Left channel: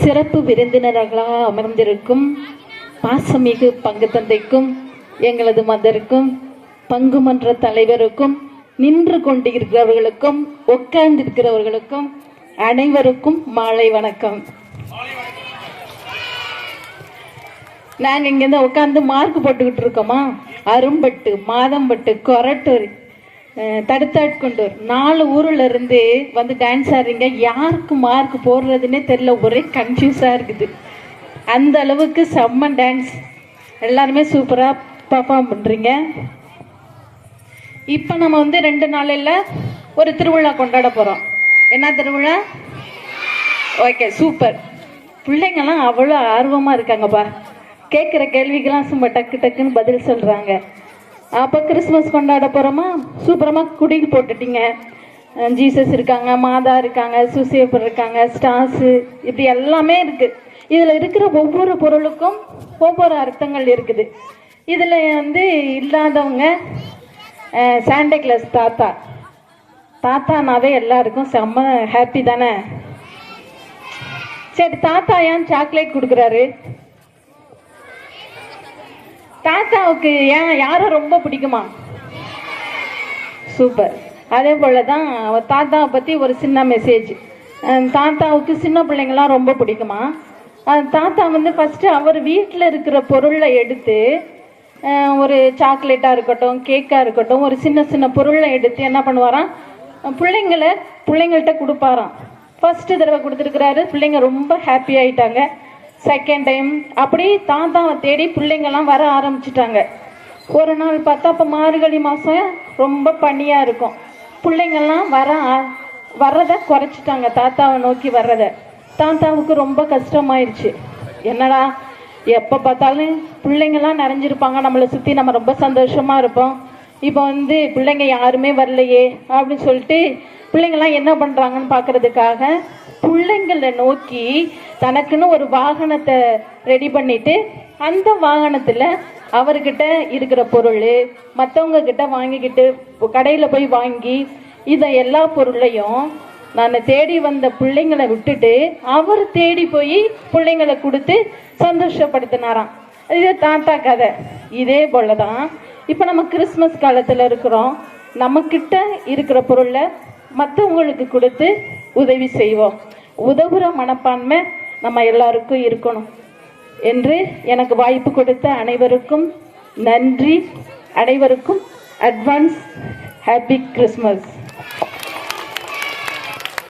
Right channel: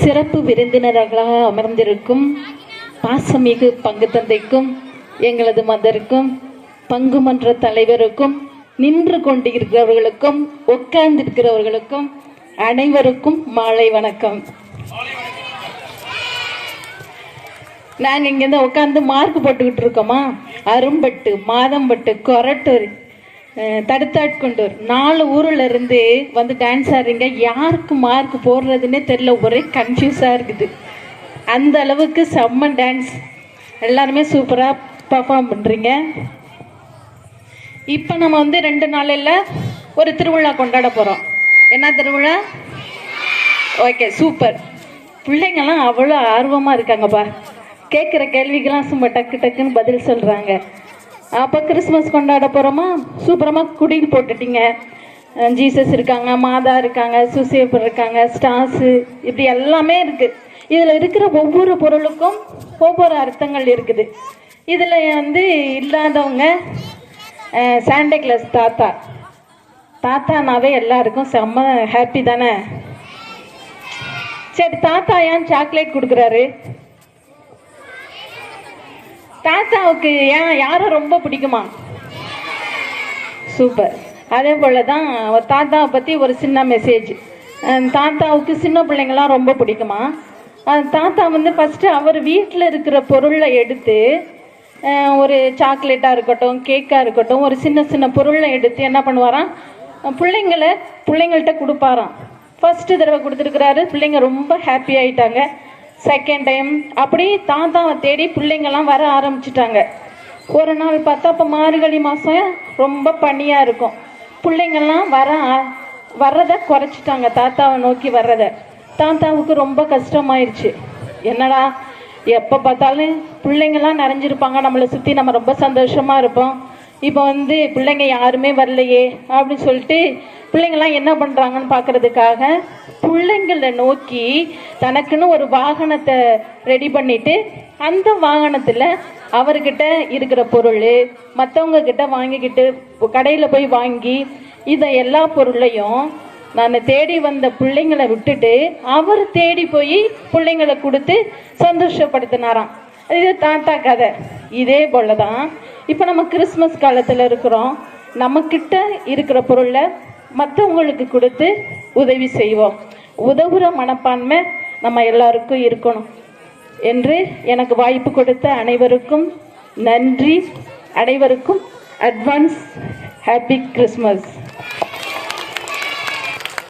சிறப்பு விருந்தினர்களாக அமர்ந்திருக்கும் பாசமிகு பங்கு தந்தைக்கும், எங்களது மதருக்கும், பங்கு மன்ற தலைவருக்கும், நின்று கொண்டிருக்கிறவர்களுக்கும், உட்கார்ந்திருக்கிறவர்களுக்கும் அனைவருக்கும் மாலை வணக்கம். நாங்கள் இங்கேருந்து உட்காந்து மார்க் போட்டுக்கிட்டு இருக்கோமா, அரும்பட்டு, மாதம்பட்டு, கொரட்டூர், தடுத்தாட்கொண்டூர் 4 ஊரில் இருந்து வந்து டான்ஸ் ஆடுறீங்க. யாருக்கு மார்க் போடுறதுன்னே தெரியல, ஒரே கன்ஃபியூஸாக இருக்குது. அந்த அளவுக்கு செம்ம டான்ஸ், எல்லாருமே சூப்பராக பர்ஃபார்ம் பண்ணுறீங்க. இப்போ நம்ம வந்து 2 நாளில் ஒரு திருவிழா கொண்டாட போகிறோம். என்ன திருவிழா? Okay, super. பிள்ளைங்கள்லாம் அவ்வளோ ஆர்வமாக இருக்காங்கப்பா. கேட்குற கேள்விக்கெல்லாம் சும்மா டக்கு டக்குன்னு பதில் சொல்கிறாங்க. அப்போ கிறிஸ்மஸ் கொண்டாட போகிறோமா, சூப்பரமாக குடிக்கு போட்டுட்டீங்க. ஜீசஸ் இருக்காங்க, மாதா இருக்காங்க, சுசேப்பர் இருக்காங்க, ஸ்டார்ஸு, இப்படி எல்லாமே இருக்குது. இதில் இருக்கிற ஒவ்வொரு பொருளுக்கும் ஒவ்வொரு அர்த்தங்கள் இருக்குது. இதில் வந்து இல்லாதவங்க சாண்டா கிளாஸ் தாத்தா. தாத்தானாவே எல்லாருக்கும் செம்ம ஹாப்பி தானே. சரி, தாத்தா ஏன் சாக்லேட் கொடுக்குறாரு? தாத்தாவுக்கு ஏன் யாரை ரொம்ப பிடிக்குமா? சூப்பர். அதே போல தான் தாத்தாவை பற்றி ஒரு சின்ன மெசேஜ். தாத்தாவுக்கு சின்ன பிள்ளைங்களாம் ரொம்ப பிடிக்குமா? தாத்தா வந்து ஃபஸ்ட்டு அவர் வீட்டில் இருக்கிற பொருளை எடுத்து, ஒரு சாக்லேட்டாக இருக்கட்டும், கேக்காக இருக்கட்டும், ஒரு சின்ன சின்ன பொருளை எடுத்து என்ன பண்ணுவாராம், பிள்ளைங்கள்ட்ட கொடுப்பாராம். ஃபஸ்ட்டு தடவை கொடுத்துருக்குறாரு, பிள்ளைங்க ரொம்ப ஹாப்பி ஆகிட்டாங்க. செகண்ட் டைம் அப்படி தாத்தாவை தேடி பிள்ளைங்கள்லாம் வர ஆரம்பிச்சிட்டாங்க. ஒரு நாள் பார்த்தா, இப்போ மார்கழி மாதம் ரொம்ப பனியாக இருக்கும். பிள்ளைங்கள்லாம் வர்றதை குறைச்சிட்டாங்க, தாத்தாவை நோக்கி வர்றதை. தாத்தாவுக்கு ரொம்ப கஷ்டமாயிருச்சு. என்னடா, எப்போ பார்த்தாலும் பிள்ளைங்கள்லாம் நிறைஞ்சிருப்பாங்க நம்மளை சுற்றி, நம்ம ரொம்ப சந்தோஷமாக இருப்போம். இப்போ வந்து பிள்ளைங்க யாருமே வரலையே அப்படின்னு சொல்லிட்டு பிள்ளைங்கள்லாம் என்ன பண்ணுறாங்கன்னு பார்க்குறதுக்காக பிள்ளைங்களை நோக்கி தனக்குன்னு ஒரு வாகனத்தை ரெடி பண்ணிவிட்டு, அந்த வாகனத்தில் அவர்கிட்ட இருக்கிற பொருள் மற்றவங்க கிட்ட வாங்கிக்கிட்டு கடையில் போய் வாங்கி, இதை எல்லா பொருளையும் நான் தேடி வந்த பிள்ளைங்களை விட்டுட்டு அவர் தேடி போய் பிள்ளைங்களை கொடுத்து சந்தோஷப்படுத்தினாராம். இது தாத்தா கதை. இதே போல தான் இப்போ நம்ம கிறிஸ்மஸ் காலத்தில் இருக்கிறோம். நம்மக்கிட்ட இருக்கிற பொருளை மற்றவங்களுக்கு கொடுத்து உதவி செய்வோம். உதவுற மனப்பான்மை நம்ம எல்லாருக்கும் இருக்கணும் என்று எனக்கு வாய்ப்பு கொடுத்த அனைவருக்கும் நன்றி. அனைவருக்கும் அட்வான்ஸ் ஹாப்பி கிறிஸ்மஸ்.